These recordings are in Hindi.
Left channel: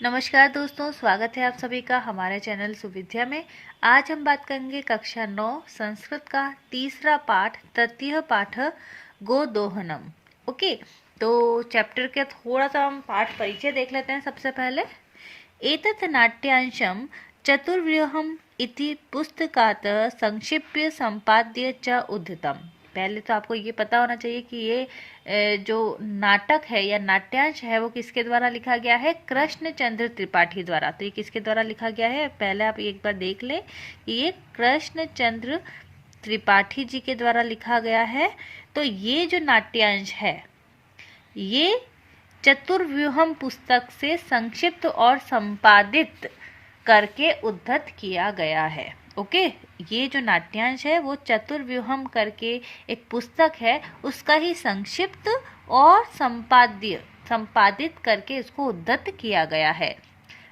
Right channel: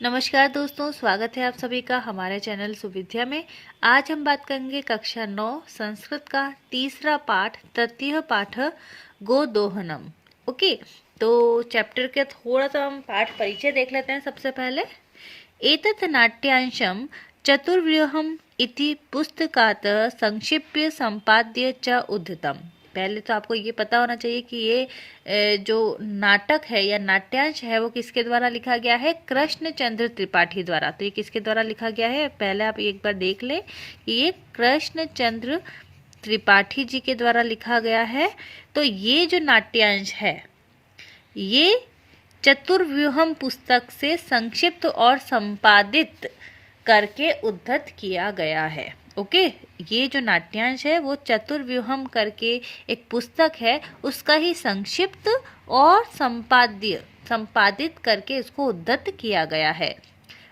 नमस्कार दोस्तों, स्वागत है आप सभी का हमारे चैनल सुविद्या में। आज हम बात करेंगे कक्षा 9 संस्कृत का तीसरा पाठ, तृतीय पाठ गोदोहनम। ओके, तो चैप्टर के थोड़ा सा हम पाठ परिचय देख लेते हैं। सबसे पहले एतत् नाट्यांशं चतुर्व्यूहम् इति पुस्तकात् संक्षिप्य संपाद्य च उद्धतम्। पहले तो आपको ये पता होना चाहिए कि ये जो नाटक है या नाट्यांश है वो किसके द्वारा लिखा गया है? कृष्णचंद्र त्रिपाठी द्वारा। तो ये किसके द्वारा लिखा गया है? पहले आप एक बार देख लें कि ये कृष्णचंद्र त्रिपाठी जी के द्वारा लिखा गया है। तो ये जो नाट्यांश है ये चतुर्व्यूहम पुस्तक से संक्षिप्त और संपादित करके उद्धत किया गया है। ओके, ये जो नाट्यांश है वो चतुर्व्यूहम करके एक पुस्तक है, उसका ही संक्षिप्त और संपादित करके इसको उद्धत किया गया है।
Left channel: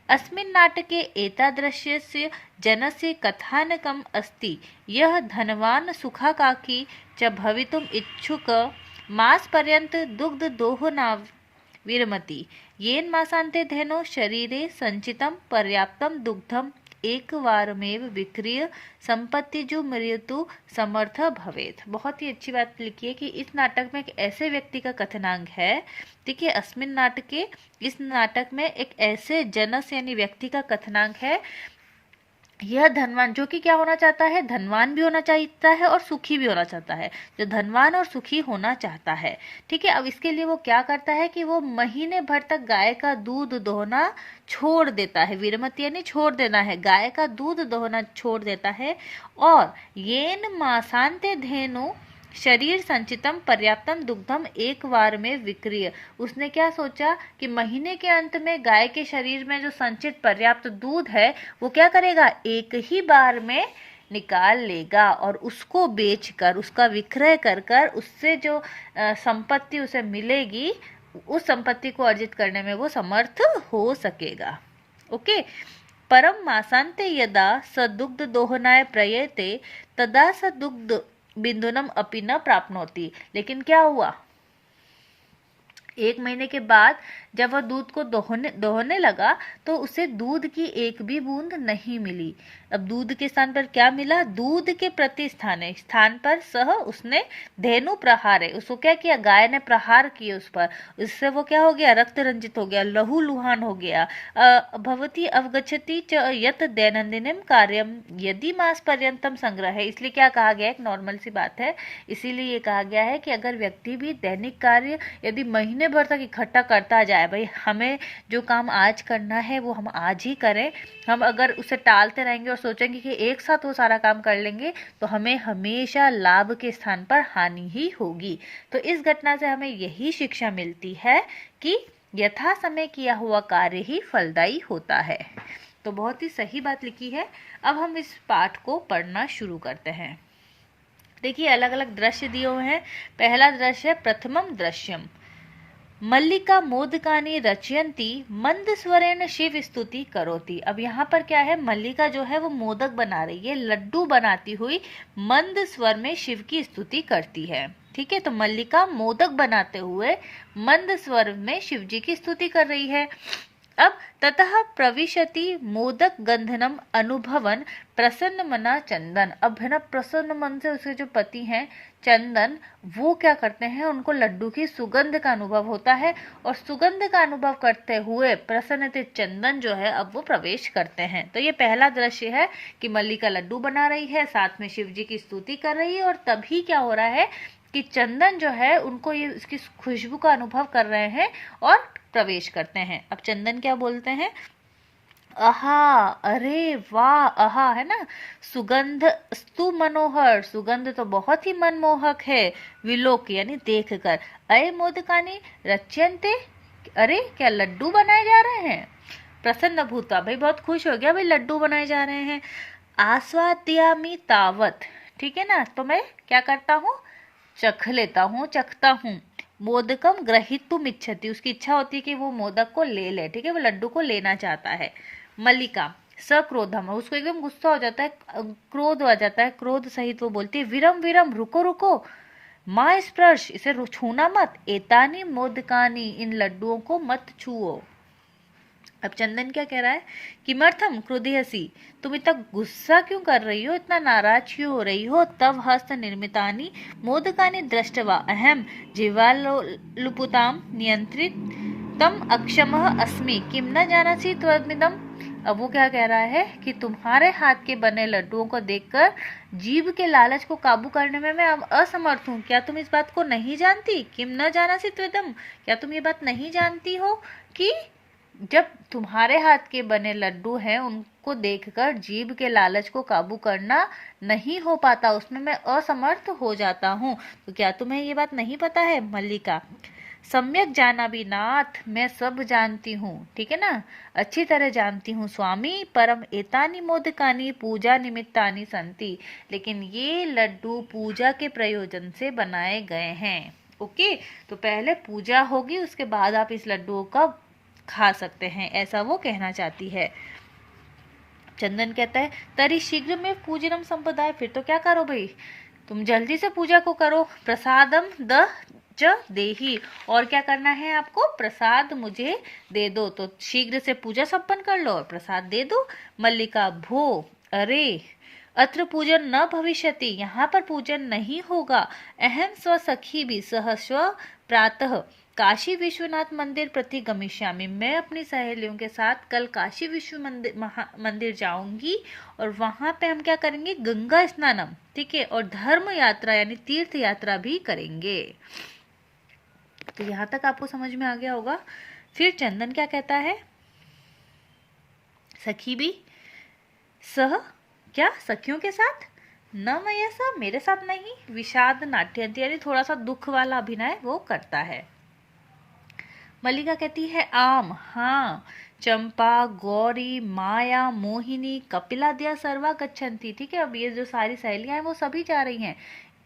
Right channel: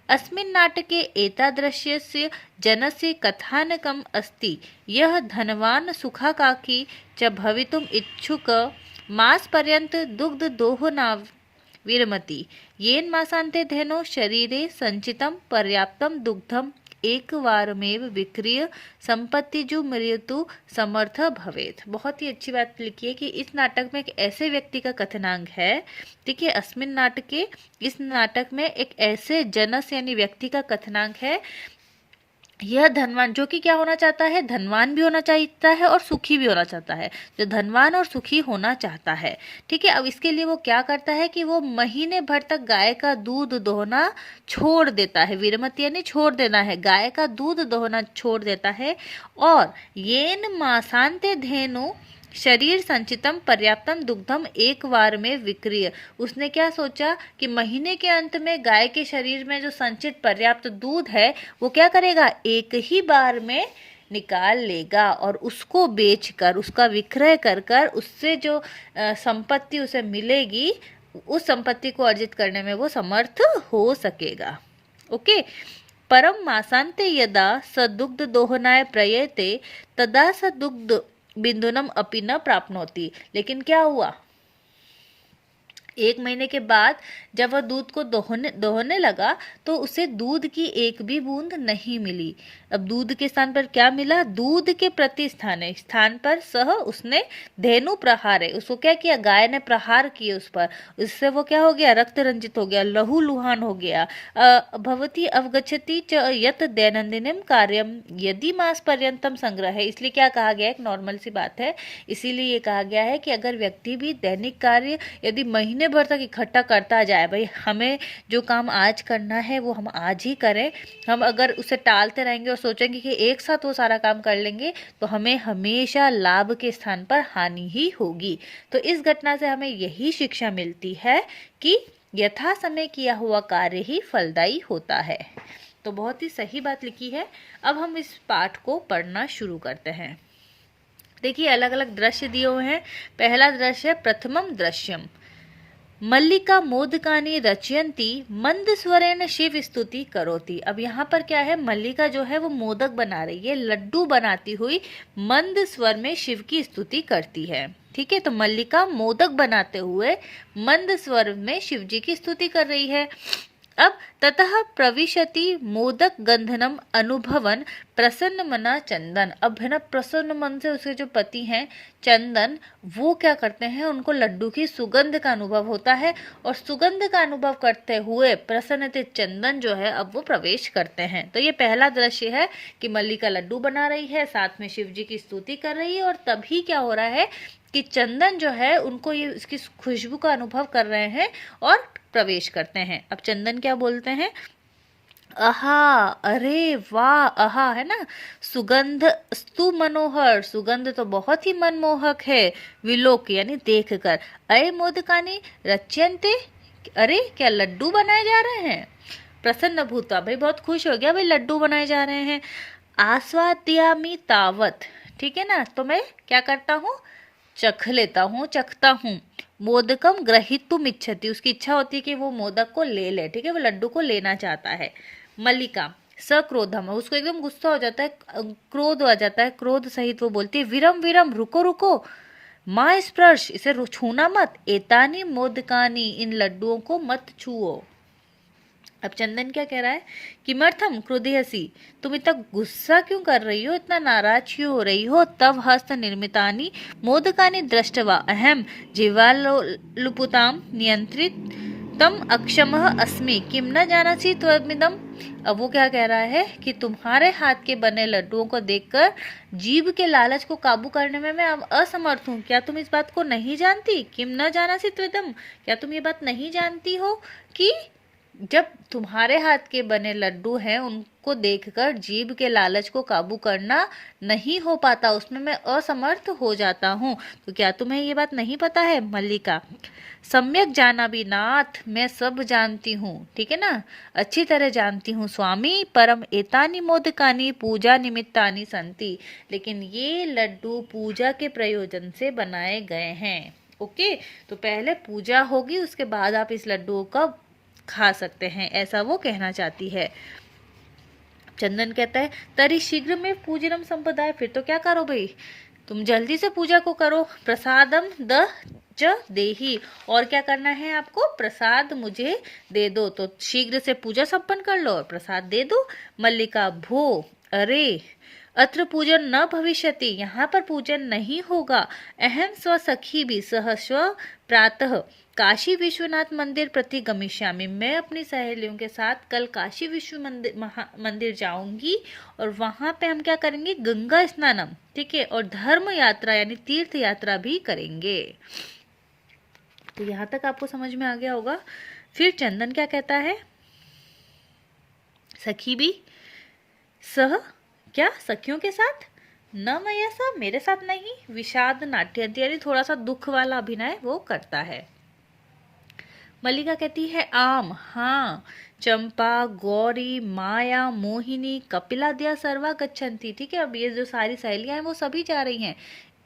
अस्मिन् नाटके एतादृशस्य जनस्य कथानकम् अस्ति यः धनवान् सुखाकांक्षी च भवितुम् इच्छुक मासपर्यन्त दुग्धदोहना विरमति येन मासान्ते धेनो शरीरे संचितं पर्याप्तं दुग्धम् एकवारमेव विक्रीय संपत्तिजु मृत्यु समर्थ भवेत। बहुत ही अच्छी बात लिखी है कि इस नाटक में एक ऐसे व्यक्ति का कथनांक है। ठीक है, अस्मिन नाटके, इस नाटक में एक ऐसे जनस यानी व्यक्ति का कथनांक है। यह धनवान, जो कि क्या होना चाहता है? धनवान भी होना चाहता है और सुखी भी होना चाहता है। जो धनवान और सुखी होना चाहता है, ठीक है। अब इसके लिए वो क्या करता है कि वो महीने भर तक गाय का दूध दोहना छोड़ देता है। विरमति यानी छोड़ देना है, गाय का दूध दोहना छोड़ देता है। और येन मासांते धेनु शरीर संचितम पर्याप्तम दुग्धम एक बार में विक्रिय। उसने क्या सोचा कि महीने के अंत में गाय के शरीर में जो संचित पर्याप्त दूध है वो क्या करेगा? एक ही बार में निकाल लेगा और उसको बेचकर, उसका विक्रय कर कर उससे जो संपत्ति उसे मिलेगी, उस संपत्ति को अर्जित करने में वो समर्थ हो सकेगा। ओके, परम मासांते यदा स दुग्ध दोहनाय प्रयते तदा स दुग्ध बिंदुनम अपि न प्राप्नोति। लेकिन क्या हुआ? एक महीने के बाद जब वह दूध को दोहने लगा तो उसे दूध की एक भी बूंद नहीं मिली। अब दूध के स्थान पर क्या मिला? दूध के स्थान पर उसने धेनु प्रहार, उसको क्या किया? गाय ने प्रहार किए उस पर। उससे वो क्या हो गया? रक्त रंजित हो गया, लहू लुहान हो गया। भवती अवगच्छति च यत दैनंदिनम कार्यम यदि मास पर्यंतम संग्रह है। इसलिए क्या कहा गया? एक नॉर्मल सी बात है, इसीलिए ये कहा गया है कि अगर व्यक्ति भी दैनिक कार्य यदि महीने भर तक इकट्ठा करता जाए, भाई हमें जो काम आज करना है वो हम आज ही करें, हम अगर उसे टालते रहेंगे और सोचेंगे कि एक साथ वो सारा काम कर लेंगे तो हमें हमेशा लाभ के स्थान पर हानि ही होगी। तो इस घटना से हमें यही शिक्षा मिलती है कि यथा समय किया हुआ कार्य ही फलदायी होता है। तो बहुत ही सही बात लिखी है। अब हम इस पाठ को पढ़ना शुरू करते हैं। देखिए, अलग अलग दृश्य दिए हुए हैं। पहला दृश्य है प्रथमम दृश्यम मल्लिका मोदकानी रचयंती मंद स्वरेण शिव स्तुति करोति। अब यहाँ पर क्या है? मल्लिका जो है वो मोदक बना रही है, लड्डू बनाती हुई मंद स्वर में शिव की स्तुति करती है। ठीक है, तो मल्लिका मोदक बनाते हुए मंद स्वर में शिव जी की स्तुति कर रही है। अब ततः प्रविशति मोदक गंधनम अनुभवन प्रसन्न मना चंदन। अब है ना, प्रसन्न मन से उसके जो पति हैं चंदन, वो क्या करते हैं? उनको लड्डू की सुगंध का अनुभव होता है और सुगंध का अनुभव करते हुए प्रसन्नचित चंदन जो है अब वो प्रवेश करते हैं। तो ये पहला दृश्य है कि मल्लिका लड्डू बना रही है, साथ में शिव जी की स्तुति कर रही है और तभी क्या हो रहा है कि चंदन जो है उनको ये इसकी खुशबू का अनुभव कर रहे हैं और प्रवेश करते हैं। अब चंदन क्या बोलते हैं? आहा, अरे वाह, आहा है ना, सुगंध स्तु मनोहर, सुगंध तो बहुत ही मनमोहक है। विलोक यानी देखकर। अरे मोदकानी रच्यन्ते, अरे क्या लड्डू बनाए जा रहे हैं? प्रसन्न भूता, भाई बहुत खुश हो गया, भाई लड्डू बनाए जा रहे हैं। आस्वाद्यामि तावत, ठीक है ना, तो मैं क्या करता हूँ? चख लेता हूँ, चखता हूँ। मोदकम ग्रहीतुम इच्छति, उसकी इच्छा होती है कि वो मोदक को ले ले। ठीक है, वो लड्डू को लेना चाहता है। मल्लिका सक्रोधम, उसको एकदम गुस्सा हो जाता है, क्रोध आ जाता है, क्रोध सहित वो बोलती है विरम विरम, रुको रुको, माँ स्पर्श, इसे छूना मत, एतानी मोदकानी, इन लड्डुओं को मत छुओ। अब चंदन क्या कह रहा है, किमर्थम क्रोधयसि, तुम इतना गुस्सा क्यों कर रही हो, इतना नाराज क्यों हो रही हो। तव हस्त निर्मितानि मोदकानि दृष्टवा अहम जीवालुपुताम नियंत्रित तम अक्षमः अस्मि किम न जानासि त्वमिदम्। अब वो क्या कह रहा है कि तुम्हारे हाथ के बने लड्डुओं को देखकर जीभ के लालच को काबू करने में मैं अब असमर्थ हूँ। क्या तुम इस बात को नहीं जानती, किम न जानासि त्वमिदम्, क्या तुम ये बात नहीं जानती हो कि जब तुम्हारे हाथ के बने लड्डू हैं उनको देखकर जीभ के लालच को काबू करना नहीं हो पाता, उसमें मैं असमर्थ हो जाता हूँ। तो क्या तुम्हें ये बात नहीं पता है। मल्लिका, सम्यक जाना भी नाथ, मैं सब जानती हूँ, ठीक है ना, अच्छी तरह जानती हूँ स्वामी। परम एतानी मोदकानी पूजा निमित्तानी संति, लेकिन ये लड्डू पूजा के प्रयोजन से बनाए गए हैं। ओके, तो पहले पूजा होगी, उसके बाद आप इस लड्डुओं का खा सकते हैं, ऐसा वो कहना चाहती है। चंदन कहता है तरी शीघ्र में पूजनम संपदाय, फिर तो क्या करो भाई, तुम जल्दी से पूजा को करो। प्रसादम द च देही, और क्या करना है आपको, प्रसाद मुझे दे दो। तो शीघ्र से पूजा संपन्न कर लो और प्रसाद दे दो। मल्लिका, भो, अरे अत्र पूजन न भविष्यति, यहाँ पर पूजन नहीं होगा। अहम स्व सखी भी सह स्व प्रातः काशी विश्वनाथ मंदिर प्रति गमिष्यामि, मैं अपनी सहेलियों के साथ कल काशी विश्व मंदिर जाऊंगी और वहां पे हम क्या करेंगे, गंगा स्नानम, ठीक है, और धर्म यात्रा यानी तीर्थ यात्रा भी करेंगे। तो यहाँ तक आपको समझ में आ गया होगा। फिर चंदन क्या कहता है, सखी भी सह, क्या सखियों के साथ, न मैं सब मेरे साथ नहीं, विषाद नाट्य यानी थोड़ा सा दुख वाला अभिनय वो करता है। मल्लिका कहती है आम, हाँ, चंपा, गौरी, माया, मोहिनी, कपिला दिया सर्वा गच्छन्ति, ठीक है, अब ये जो सारी सहेलियां हैं वो सभी जा रही हैं।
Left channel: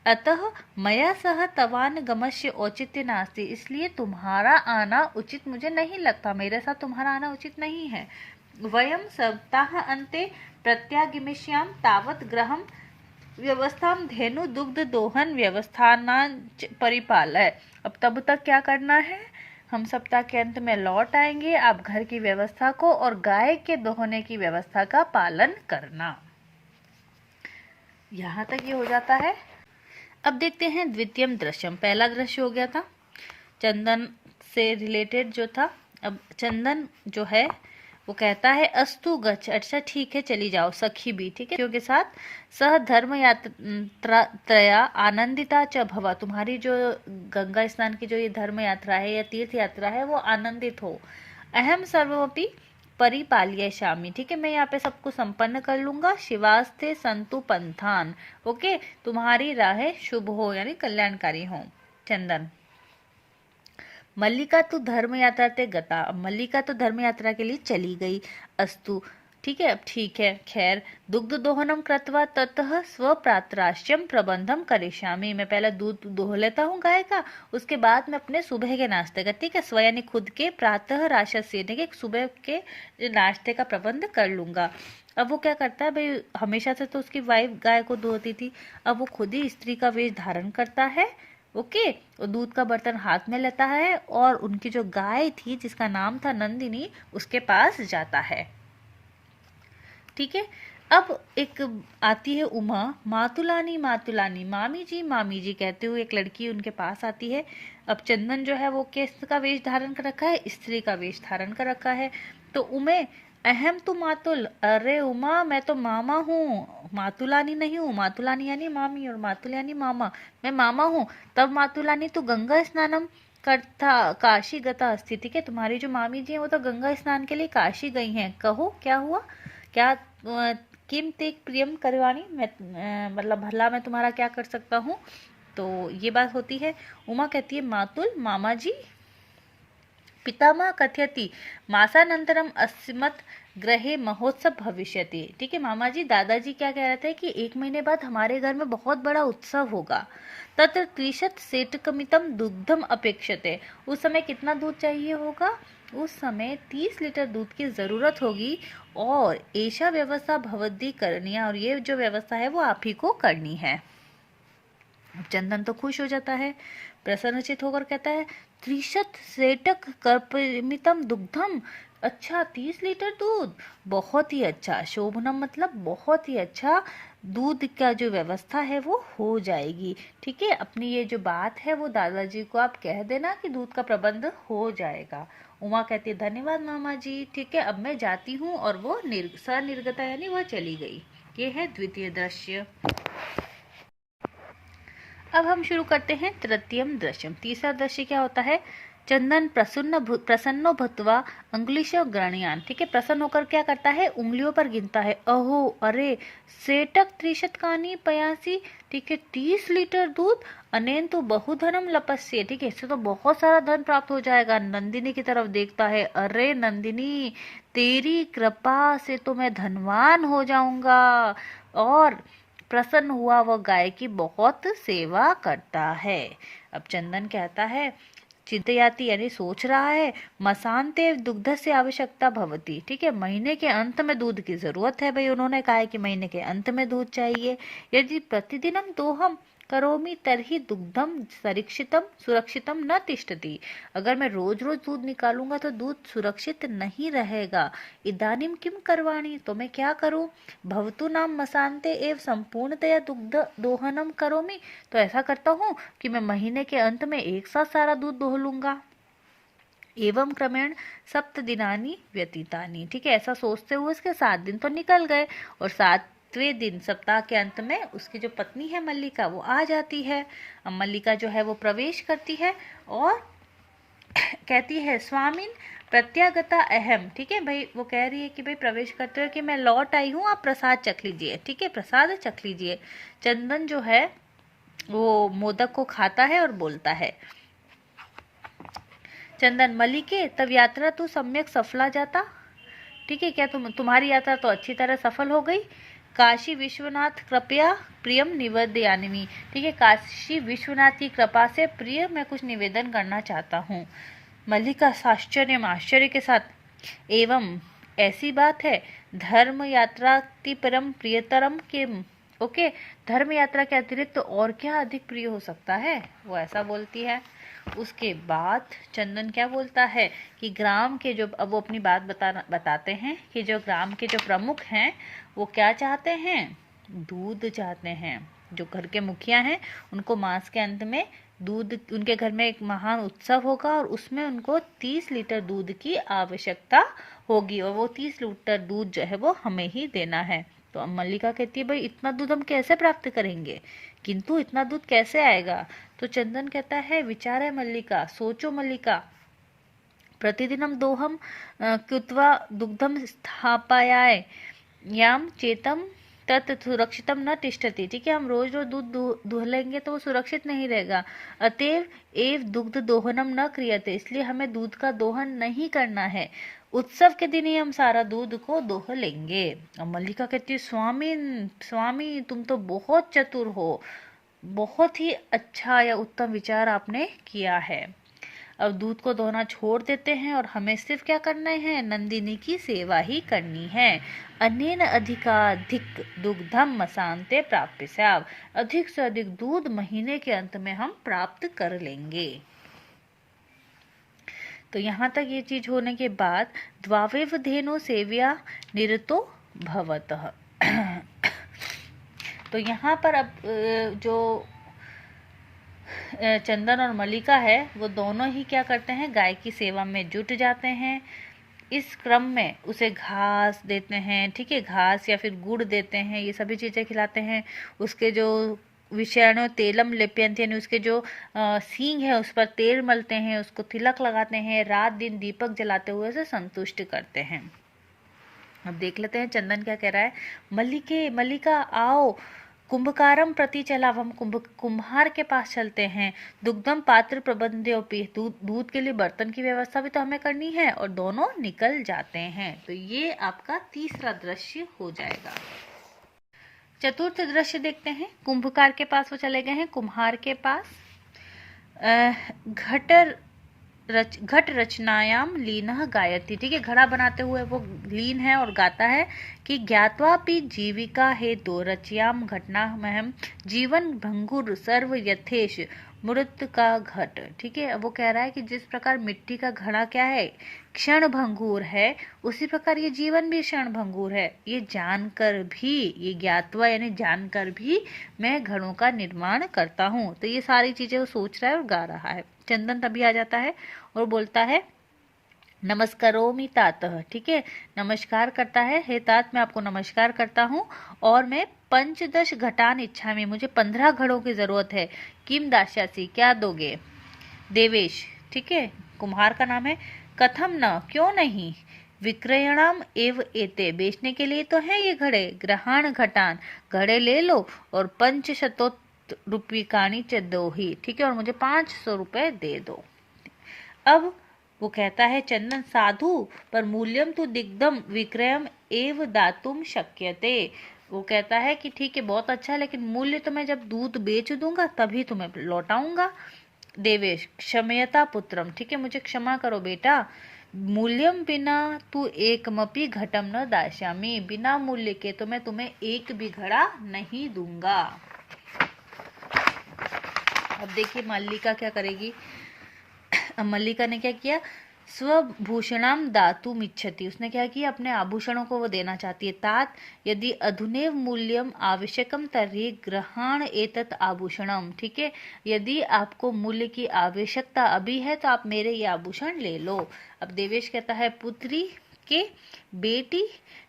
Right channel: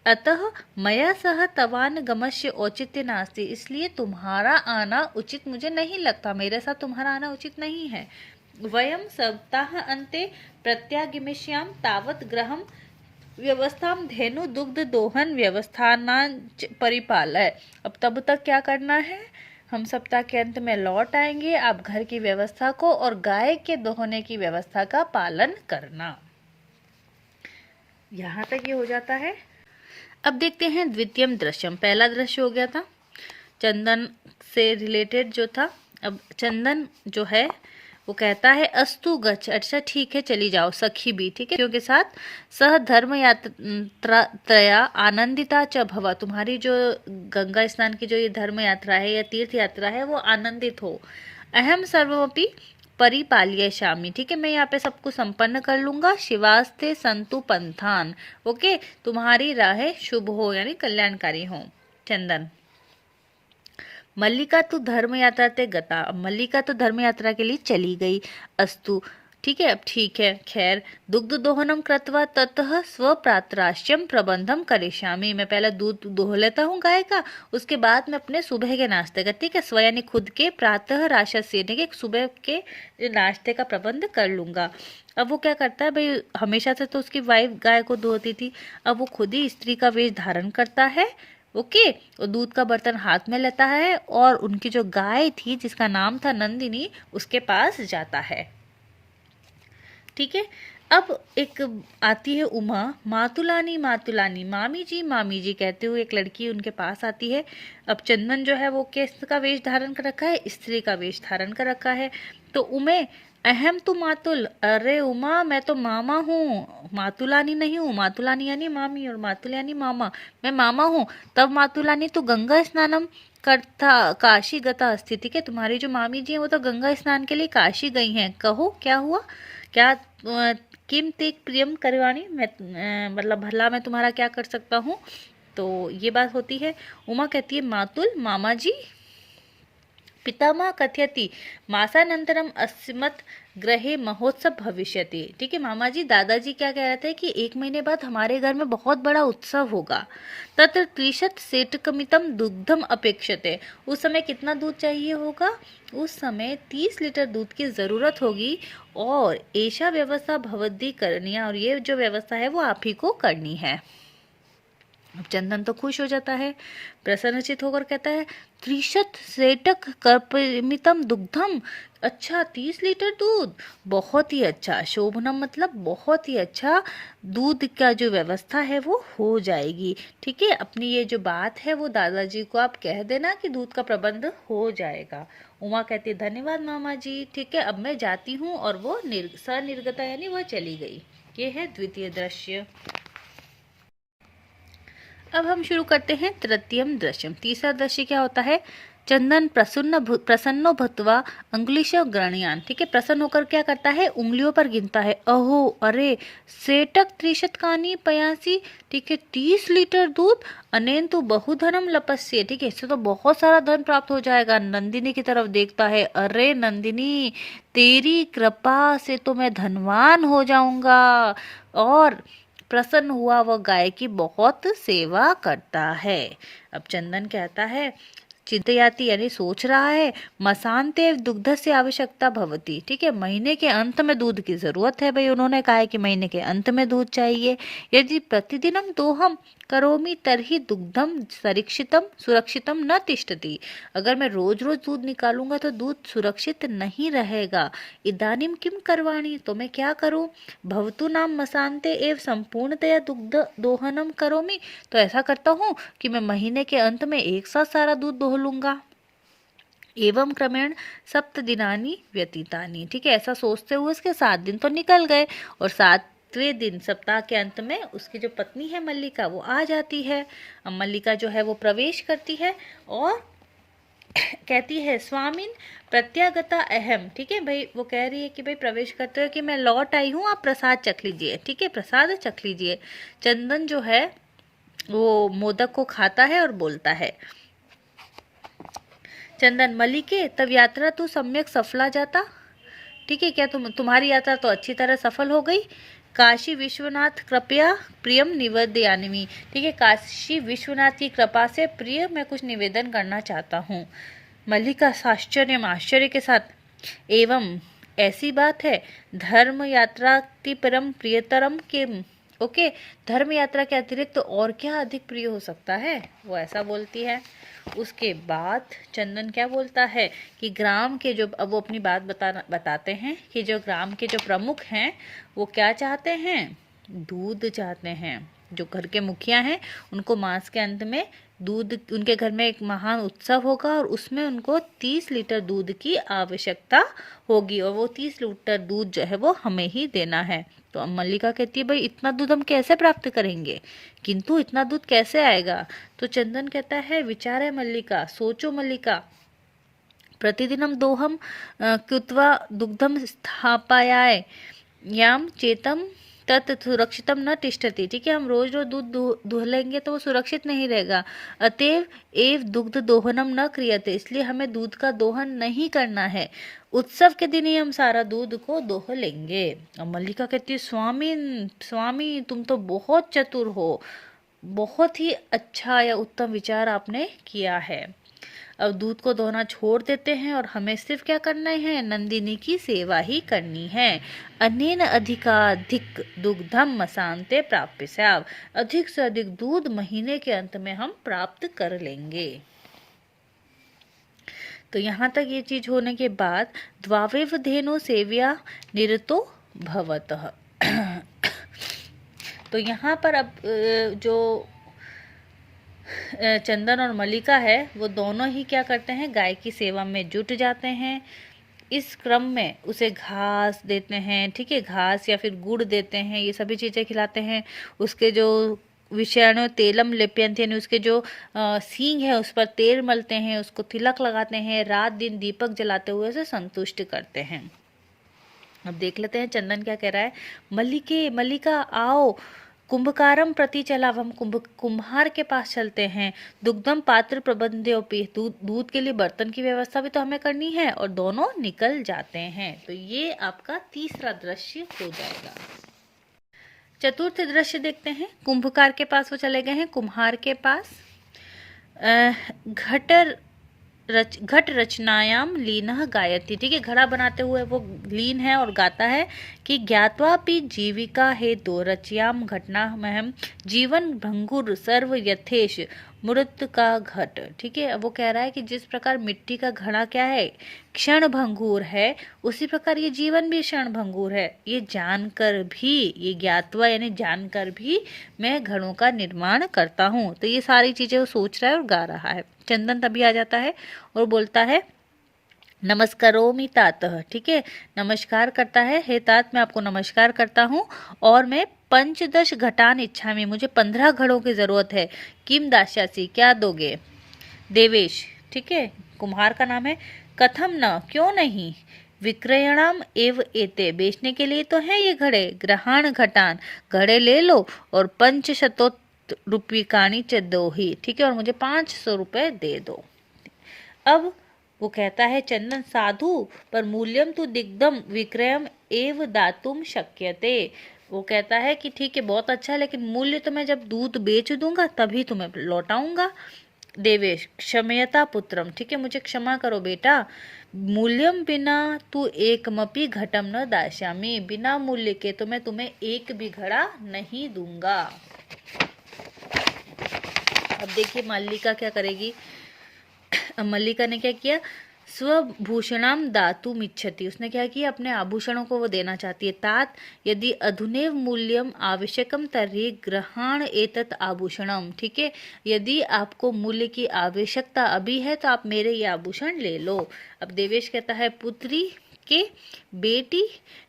अतः मया सह तवान गमस्य औचित्य नास्ति, इसलिए तुम्हारा आना उचित मुझे नहीं लगता, मेरे साथ तुम्हारा आना उचित नहीं है। वयम सप्ताह अन्ते प्रत्यागमिष्याम तावत ग्रहम व्यवस्थाम धेनु दुग्ध दोहन व्यवस्थानांच परिपालय, अब तब तक क्या करना है, हम सप्ताह के अंत में लौट आएंगे, आप घर की व्यवस्था को और गाय के दोहने की व्यवस्था का पालन करना। यहाँ तक ये हो जाता है। अब देखते हैं द्वितीयम दृश्यम, पहला दृश्य हो गया था चंदन से रिलेटेड जो था। अब चंदन जो है वो कहता है अस्तु गच्छ, अच्छा ठीक है चली जाओ, सखी भी, ठीक है, के साथ सह धर्म यात्रा तया आनंदिता च भवा, तुम्हारी जो गंगा स्नान की जो ये धर्म यात्रा है या तीर्थ यात्रा है वो आनंदित हो। अहम सर्वमपि परिपाल्य शामी, ठीक है, मैं यहाँ पे सबको संपन्न कर लूंगा। शिवास्ते संतु पंथान, ओके, तुम्हारी राहें शुभ हो यानी कल्याणकारी हो। चंदन, मल्लिका तो धर्म यात्रा ते गता, मल्लिका तो धर्म यात्रा के लिए चली गई। अस्तु, ठीक है, अब ठीक है, खैर, दुग्ध दोहनम कृत्वा ततः स्वप्रातराश्यम प्रबंधम करिष्यामि, मैं पहले दूध दोह लेता हूँ गाय का, उसके बाद मैं अपने सुबह के नाश्ते का, ठीक है, स्व यानी खुद के, प्रातः राशस्य यानी कि सुबह के नाश्ते का प्रबंध कर लूंगा। अब वो क्या करता है भाई, हमेशा से तो उसकी वाइफ गाय को दोहती थी, अब वो खुद ही स्त्री का वेश धारण करता है, ओके, और दूध का बर्तन हाथ में लेता है और उनकी जो गाय थी जिसका नाम था नंदिनी उसके पास जाता है, ठीक है। अब एक आती है उमा, मातुलानी मातुलानी, मामी जी कहते हुए एक लड़की उनके पास आती है। अब चंदन जो है वो किस का वेश धारण कर रखा है, स्त्री का वेश धारण कर रखा है। तो उमे, अहम तू मातुल, अरे उमा मैं तो मामा हूँ, मातुलानी नहीं हूँ, मातुलानी यानी मामी और मातुल यानी मामा, मैं मामा हूँ। तब मातुलानी तू गंगा स्नानम करता काशी गता अस्ति, ठीक है, तुम्हारी जो मामी जी हैं वो तो गंगा स्नान के लिए काशी गई हैं, कहो क्या हुआ, क्या किम ते प्रियम करवाणी, मैं मतलब भला मैं तुम्हारा क्या कर सकता हूँ। तो ये बात होती है। उमा कहती है मातुल, मामा जी। पितामह कथयति मासानंतरम अस्मत् ग्रहे महोत्सव भविष्यति, ठीक है, मामा जी दादाजी क्या कह रहे थे कि 1 महीने बाद हमारे घर में बहुत बड़ा उत्सव होगा। तत्र 30 सेटकमितम दुग्धम अपेक्षते, उस समय कितना दूध चाहिए होगा, उस समय 30 लीटर दूध की जरूरत होगी। और ऐसा व्यवस्था भवद्दी करनी है, और ये जो व्यवस्था है वो आप ही को करनी है। चंदन तो खुश हो जाता है, प्रसन्नचित होकर कहता है त्रिशत सेटक कर्पमितम दुग्धम। अच्छा, 30 लीटर दूध, बहुत ही अच्छा। शोभनम मतलब बहुत ही अच्छा, दूध का जो व्यवस्था है वो हो जाएगी। ठीक है, अपनी ये जो बात है वो दादाजी को आप कह देना कि दूध का प्रबंध हो जाएगा। उमा कहती है धन्यवाद मामा जी, ठीक है अब मैं जाती हूँ। और वो सनिर्गता यानी वह चली गई। ये है द्वितीय दृश्य। अब हम शुरू करते हैं तृतीयम दृश्यम। तीसरा दृश्य क्या होता है? चंदन प्रसन्नो भूत्वा अंगुलिश गणयान। ठीक है, प्रसन्न होकर क्या करता है? उंगलियों पर गिनता है। अहो, अरे, सेटक त्रिशतकानी पयासी। ठीक है, 30 लीटर दूध। अनेन तो बहुधनम लपस्य। ठीक है, इससे तो बहुत सारा धन प्राप्त हो जाएगा। नंदिनी की तरफ देखता है। अरे नंदिनी, तेरी कृपा से तो मैं धनवान हो जाऊंगा। और प्रसन्न हुआ वह गाय की बहुत सेवा करता है। अब चंदन कहता है चिंतयाति यानी सोच रहा है, मसान्ते दुग्ध से आवश्यकता भवती। ठीक है, महीने के अंत में दूध की जरूरत है। भाई उन्होंने कहा है कि महीने के अंत में दूध चाहिए। यदि प्रतिदिनम दोहम करोमि तर्हि दुग्धम सुरक्षितम न तिष्ठति। अगर मैं रोज रोज दूध निकालूंगा तो दूध सुरक्षित नहीं रहेगा। इदानीम किम करवाणी, तो मैं क्या करूं? भवतु नाम मसान्ते एव संपूर्णतया दुग्ध दोहनम करोमि। तो ऐसा करता हूँ कि मैं महीने के अंत में एक साथ सारा दूध दोह लूंगा। एवं क्रमेण 7 दिनानि व्यतीतानि। ठीक है, ऐसा सोचते हुए उसके 7 दिन तो निकल गए। और 7वें दिन सप्ताह के अंत में उसकी जो पत्नी है मल्लिका वो आ जाती है। अब मल्लिका जो है वो प्रवेश करती है और कहती है स्वामिन प्रत्यागता अहम। ठीक है भाई, वो कह रही है कि भाई प्रवेश करते हुए कि मैं लौट आई हूँ, आप प्रसाद चख लीजिए। ठीक है, प्रसाद चख लीजिए। चंदन जो है वो मोदक को खाता है और बोलता है, चंदन मलिके तब यात्रा तो सम्यक सफला जाता। ठीक है, क्या तुम्हारी यात्रा तो अच्छी तरह सफल हो गई। काशी विश्वनाथ कृपया प्रियम निवेदयामि। ठीक है, काशी विश्वनाथ की कृपा से प्रिय मैं कुछ निवेदन करना चाहता हूँ। मल्लिका आश्चर्य के साथ, एवं ऐसी बात है, धर्म यात्रा परम प्रियतरम के। ओके, धर्म यात्रा के अतिरिक्त तो और क्या अधिक प्रिय हो सकता है, वो ऐसा बोलती है। उसके बाद चंदन क्या बोलता है कि ग्राम के जो, अब वो अपनी बात बताते हैं कि जो ग्राम के जो प्रमुख हैं वो क्या चाहते हैं? दूध चाहते हैं। जो घर के मुखिया हैं उनको मास के अंत में दूध, उनके घर में एक महान उत्सव होगा और उसमें उनको 30 लीटर दूध की आवश्यकता होगी और वो 30 लीटर दूध जो है वो हमें ही देना है। तो मल्लिका कहती है भाई इतना दूध हम कैसे प्राप्त करेंगे, किंतु इतना दूध कैसे आएगा? तो चंदन कहता है विचार है मल्लिका, सोचो मल्लिका, प्रतिदिनम दोहम कृत्वा दुग्धम स्थापयाय याम चेतम तत् सुरक्षितम न तिष्ठति। ठीक है, हम रोज रोज दूध दुह लेंगे तो वो सुरक्षित नहीं रहेगा। अतएव एव दुग्ध दोहनम न क्रियते, इसलिए हमें दूध का दोहन नहीं करना है। उत्सव के दिन ही हम सारा दूध को दोह लेंगे। और मल्लिका कहती है स्वामी तुम तो बहुत चतुर हो, बहुत ही अच्छा या उत्तम विचार आपने किया है। अब दूध को दोहना छोड़ देते हैं और हमें सिर्फ क्या करना है? नंदिनी की सेवा ही करनी है। अनेन अधिकाधिक दुग्धम मसान्ते प्राप्य, अधिक से अधिक दूध महीने के अंत में हम प्राप्त कर लेंगे। तो यहाँ तक ये चीज होने के बाद द्वावेव धेनो सेव्या निरतो भवतः। तो यहाँ पर अब जो चंदन और मल्लिका है वो दोनों ही क्या करते हैं? गाय की सेवा में जुट जाते हैं। इस क्रम में उसे घास देते हैं। ठीक है, घास या फिर गुड़ देते हैं, ये सभी चीज़ें खिलाते हैं। उसके जो विषयाणु तेलम लेप्यंती यानी उसके जो सींग है उस पर तेल मलते हैं, उसको तिलक लगाते हैं, रात दिन दीपक जलाते हुए उसे संतुष्ट करते हैं। अब देख लेते हैं चंदन क्या कह रहा है। मल्लिका आओ, कुंभकारम प्रति चला, हम कुम्हार के पास चलते हैं। दुग्धम पात्र प्रबंध्योपि, दूध के लिए बर्तन की व्यवस्था भी तो हमें करनी है। और दोनों निकल जाते हैं। तो ये आपका तीसरा दृश्य हो जाएगा। चतुर्थ दृश्य देखते हैं। कुंभकार के पास वो चले गए हैं, कुम्हार के पास। घट रचनायाम लीनः गायति। ठीक है, घड़ा बनाते हुए वो लीन है और गाता है कि ज्ञात्वापि जीविका हेतु रचयाम घटना महम जीवन भंगुर सर्व यथेश मृत का घट। ठीक है, अब वो कह रहा है कि जिस प्रकार मिट्टी का घड़ा क्या है, क्षण भंगुर है, उसी प्रकार ये जीवन भी क्षण भंगुर है। ये जानकर भी, ये ज्ञातवा यानी जानकर भी मैं घड़ों का निर्माण करता हूँ। तो ये सारी चीजें वो सोच रहा है और गा रहा है। चंदन तभी आ जाता है और बोलता है नमस्कारोमि तात। ठीक है, नमस्कार करता है, हे तात मैं आपको नमस्कार करता हूँ, और मैं पंचदश घटान इच्छा में, मुझे 15 घड़ों की जरूरत है। किम दास्यासी, क्या दोगे। देवेश, ठीक है, कुम्हार का नाम है। कथम न, क्यों नहीं। विक्रयणाम एव एते, बेचने के लिए तो है ये घड़े। ग्रहण घटान, घड़े ले लो, और 500 रूपिकाणी च दो ही। ठीक है, और मुझे 500 रुपए दे दो। अब वो कहता है चंदन साधु, पर मूल्यम तो दिग्धम विक्रयम एव दातुम शक्यते। वो कहता है कि ठीक है, बहुत अच्छा, लेकिन मूल्य तो मैं जब दूध बेच दूंगा तभी तुम्हें लौटाऊंगा। देवेश, क्षमयता पुत्रम, ठीक है, मुझे क्षमा करो बेटा। मूल्यम बिना तू एक मपी घटम न दास्यामी, बिना मूल्य के तो मैं तुम्हें एक भी घड़ा नहीं दूंगा। अब देखिए मल्लिका क्या करेगी। मल्लिका ने क्या किया, स्वभूषणाम दातुम इच्छति, उसने क्या किया, अपने आभूषणों को वो देना चाहती है। तात यदि अधुनेव मूल्यम आवश्यकम तर्हि ग्रहण एतत् आभूषणम। ठीक है, यदि आपको मूल्य की आवश्यकता अभी है तो आप मेरे ये आभूषण ले लो। अब देवेश कहता है पुत्री के बेटी,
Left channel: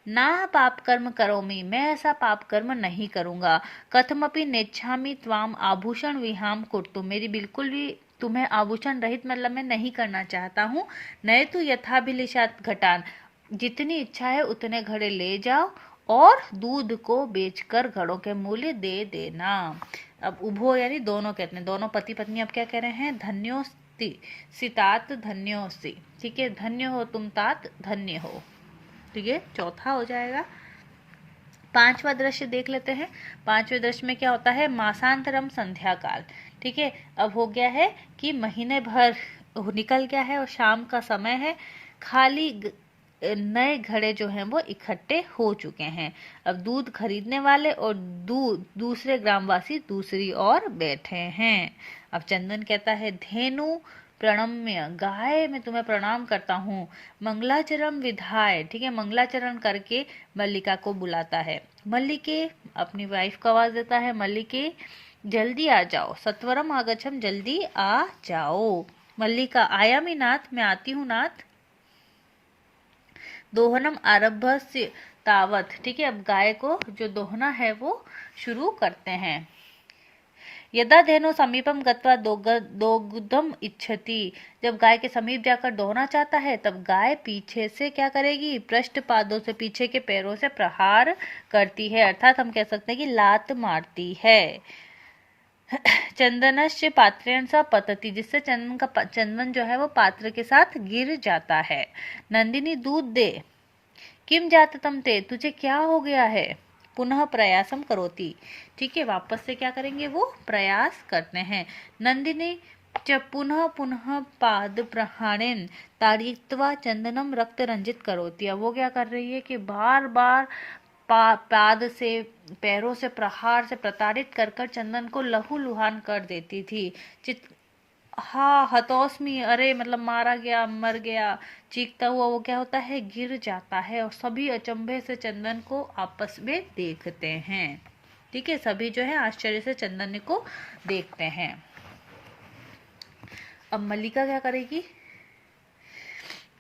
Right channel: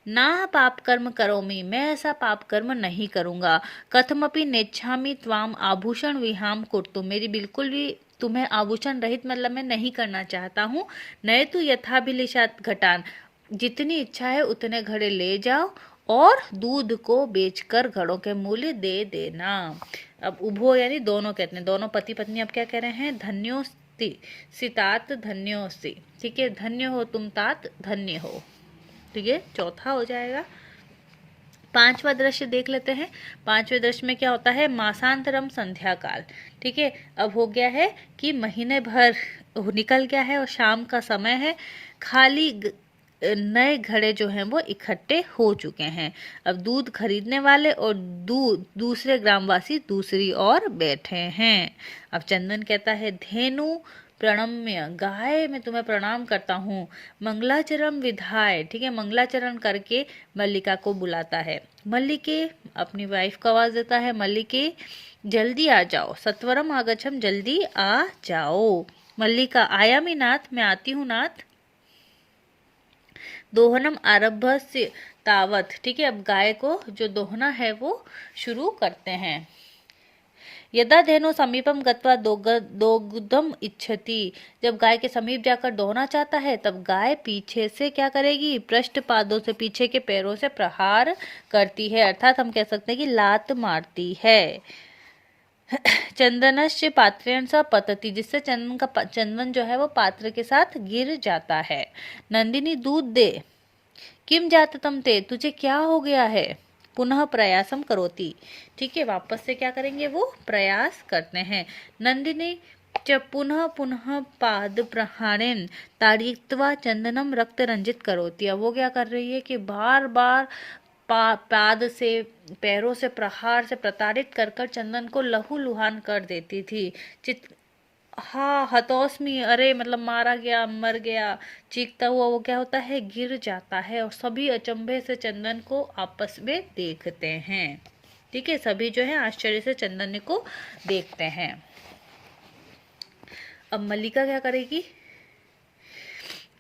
ना पाप कर्म करोमि, मैं ऐसा पाप कर्म नहीं करूंगा। कथमपि नेच्छामि त्वाम आभूषण विहाम कुर्तुम, मेरी बिल्कुल भी तुम्हें आभूषण रहित मतलब मैं नहीं करना चाहता हूँ। नए तो यथाभिलिषात घटान, जितनी इच्छा है उतने घड़े ले जाओ और दूध को बेचकर घड़ों के मूल्य दे देना। अब उभो यानी दोनों कहते हैं, दोनों पति पत्नी अब क्या कह रहे हैं, धन्योस्ति सितात धन्योस्ति। ठीक है, धन्य हो तुम तात, धन्य हो। ठीक है, चौथा हो जाएगा। पांचवा दृश्य देख लेते हैं। पांचवें दृश्य में क्या होता है, मासांतरम संध्या काल। ठीक है, अब हो गया है कि महीने भर निकल गया है और शाम का समय है। खाली नए घड़े जो हैं वो इकट्ठे हो चुके हैं। अब दूध खरीदने वाले और दूसरे ग्रामवासी दूसरी ओर बैठे हैं। अब चंदन कहता है धेनु प्रणम्य, गाय मैं तुम्हें प्रणाम करता हूँ। मंगलाचरण विधाय, ठीक है, मंगलाचरण करके मल्लिका को बुलाता है। मल्लिके, अपनी वाइफ को आवाज देता है, मल्लिके जल्दी आ जाओ, सत्वरम आगच्छम, जल्दी आ जाओ। मल्लिका, आयामी नाथ, मैं आती हूँ नाथ। दोहनम आरभ्य तावत, ठीक है, अब गाय को जो दोहना है वो शुरू करते हैं। यदा धेनु समीपम गत्वा दोग्धम इच्छति, जब गाय के समीप जाकर दोहना चाहता है तब गाय पीछे से क्या करेगी, पृष्ठ पादों से, पीछे के पैरों से प्रहार करती है, अर्थात हम कह सकते हैं कि लात मारती है। चंदनश्च पात्रेण सा पतति, जिससे चंदन जो है वो पात्र के साथ गिर जाता है। नंदिनी दूध दे, किम जाततम ते, तुझे क्या हो गया है। पुनः प्रयासम करोति, ठीक है, वापस से क्या करेंगे, वो प्रयास करते हैं। नंदिनी च पुनः पुनः पाद प्रहारेण ताड़यित्वा चंदनम रक्त रंजित करोति, अब वो क्या कर रही है कि बार बार पाद से, पैरों से प्रहार से प्रताड़ित कर कर चंदन को लहू लुहान कर देती थी। हाँ, हतोस्मी, अरे मतलब मारा गया, मर गया, चीखता हुआ वो क्या होता है, गिर जाता है, और सभी अचंभे से चंदन को आपस में देखते हैं। ठीक है, सभी जो है आश्चर्य से चंदन को देखते हैं। अब मल्लिका क्या करेगी,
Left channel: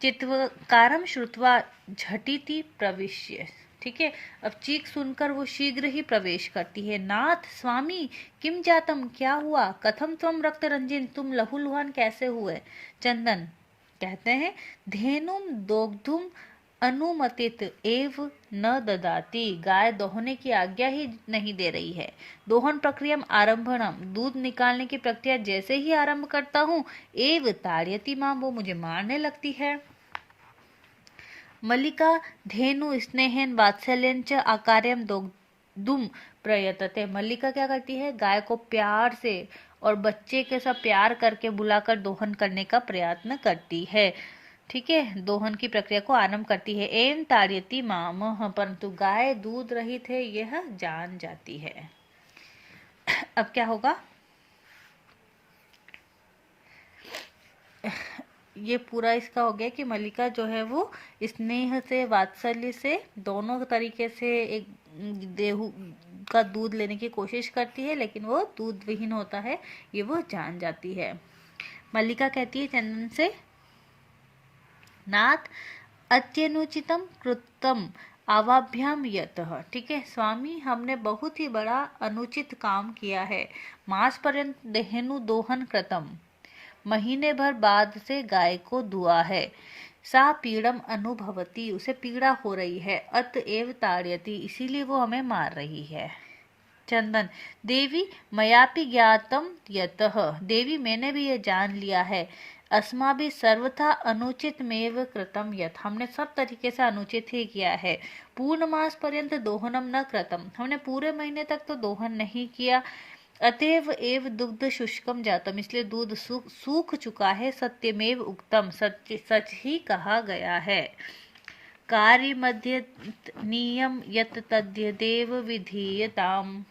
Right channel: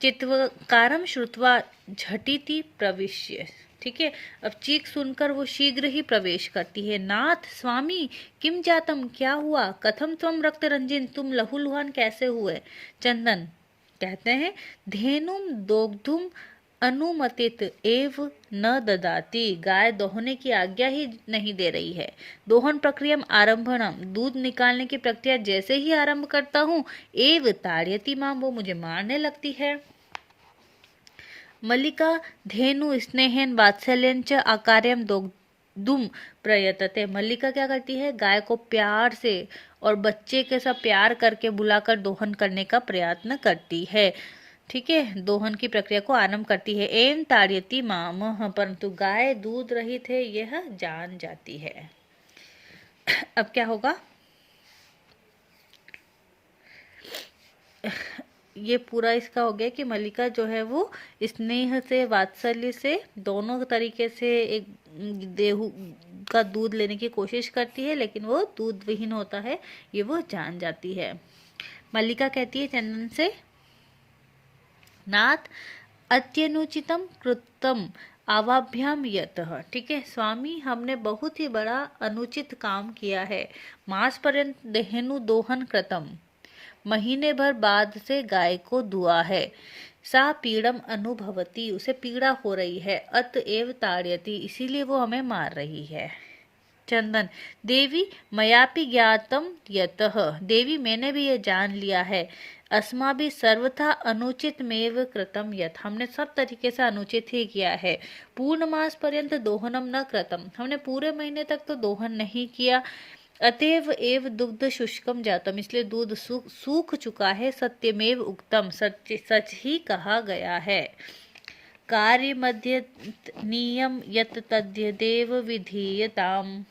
चित्वकारम श्रुत्वा झटिति प्रविश्य, ठीक है, अब चीख सुनकर वो शीघ्र ही प्रवेश करती है। नाथ स्वामी किम जातम, क्या हुआ। कथम तुम रक्त रंजिन, तुम लहूलुहान कैसे हुए। चंदन कहते हैं धेनुम दोग्धुम अनुमतित एव न ददाती, गाय दोहने की आज्ञा ही नहीं दे रही है। दोहन प्रक्रिया आरंभणम, दूध निकालने की प्रक्रिया जैसे ही आरंभ करता हूँ, एव ताड़यति मां, वो मुझे मारने लगती है। मल्लिका धेनु स्नेहन वात्सल्यं च आकार्यम दोग्धुम प्रयतते, मल्लिका क्या करती है, गाय को प्यार से और बच्चे के साथ प्यार करके बुलाकर दोहन करने का प्रयत्न करती है। ठीक है, दोहन की प्रक्रिया को आरंभ करती है। एम ताड़यति माम, परंतु गाय दूध रहित है यह जान जाती है। अब क्या होगा, ये पूरा इसका हो गया कि मल्लिका जो है वो स्नेह से, वात्सल्य से, दोनों तरीके से एक देहू का दूध लेने की कोशिश करती है, लेकिन वो दूध विहीन होता है, ये वो जान जाती है। मल्लिका कहती है चंदन से, नाथ अत्यनुचितम कृतम आवाभ्याम यतः। ठीक है स्वामी, हमने बहुत ही बड़ा अनुचित काम किया है। मास पर्यंत देहनु दोहन कृतम, महीने भर बाद से गाय को दुआ है। सा पीड़म अनुभवती, उसे पीड़ा हो रही है। अतएव ताड़यति, इसीलिए वो हमें मार रही है। चंदन, देवी मयापि ज्ञातम यतः, देवी मैंने भी ये जान लिया है। अस्माभि सर्वथा अनुचित मेव कृतम यत, हमने सब तरीके से अनुचित ही किया है। पूर्ण मास पर्यंत दोहनम न कृतम, हमने पूरे महीने तक तो दोहन नहीं किया। अतएव एव दुग्ध शुष्कम जातम, इसलिए दूध सूख चुका है। सत्यमेव उक्तम, सच ही कहा गया है। कार्य मध्य नियम यत तद्यदेव विधीयताम,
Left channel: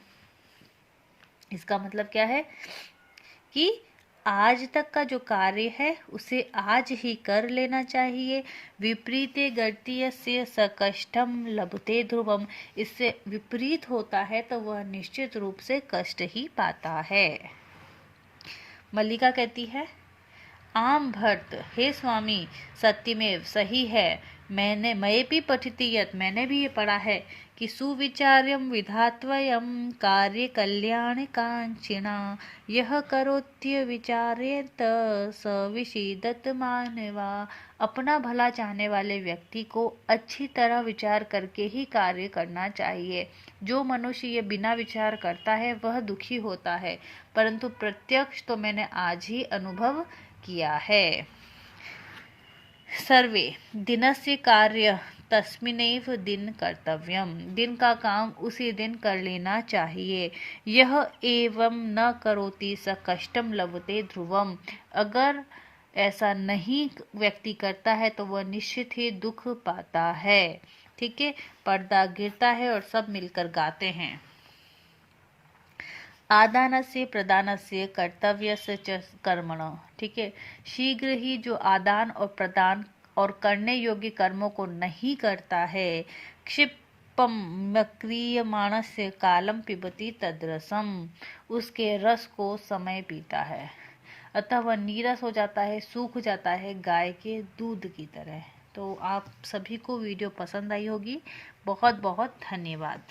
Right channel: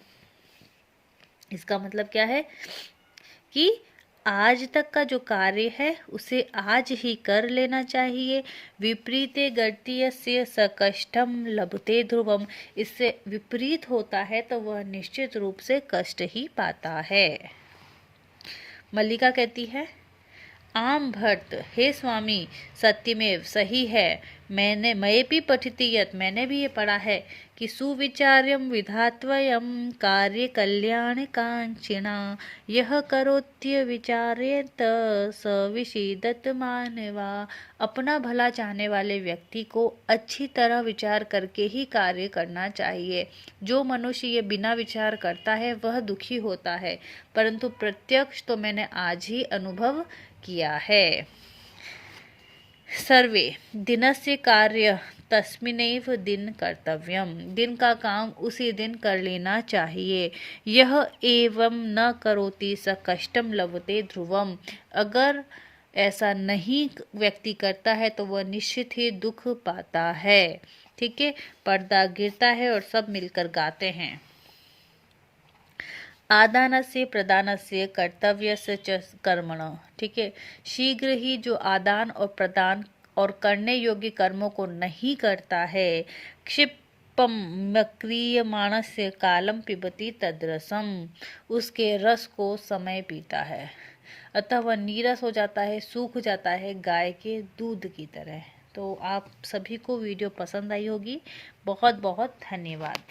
इसका मतलब क्या है कि आज तक का जो कार्य है उसे आज ही कर लेना चाहिए। विपरीते गत्य सकष्टम लभते ध्रुवम, इससे विपरीत होता है तो वह निश्चित रूप से कष्ट ही पाता है। मल्लिका कहती है, आम भर्त, हे स्वामी, सत्यमेव, सही है। मैं भी पठिति यत, मैंने भी ये पढ़ा है कि सुविचार्यम विधात्वयम कार्य कल्याण कांक्षिणा, यह करोत्य विचारेत स विषीदत मानवा। अपना भला चाहने वाले व्यक्ति को अच्छी तरह विचार करके ही कार्य करना चाहिए। जो मनुष्य ये बिना विचार करता है वह दुखी होता है, परंतु प्रत्यक्ष तो मैंने आज ही अनुभव किया है। सर्वे दिनस्य कार्य तस्मिनैव दिन कर्तव्यम, दिन का काम उसी दिन कर लेना चाहिए। यह एवं न करोति स कष्टम लभते ध्रुवम, अगर ऐसा नहीं व्यक्ति करता है तो वह निश्चित ही दुख पाता है। ठीक है, पर्दा गिरता है और सब मिलकर गाते हैं। आदानस्य प्रदानस्य कर्तव्यस्य च कर्मण, ठीक है, शीघ्र ही जो आदान और प्रदान और करने योग्य कर्मों को नहीं करता है, क्षिप्पम क्रियमाणस्य कालम पिबति तद्रसम, उसके रस को समय पीता है, अतः वह नीरस हो जाता है, सूख जाता है गाय के दूध की तरह। तो आप सभी को वीडियो पसंद आई होगी। बहुत बहुत धन्यवाद।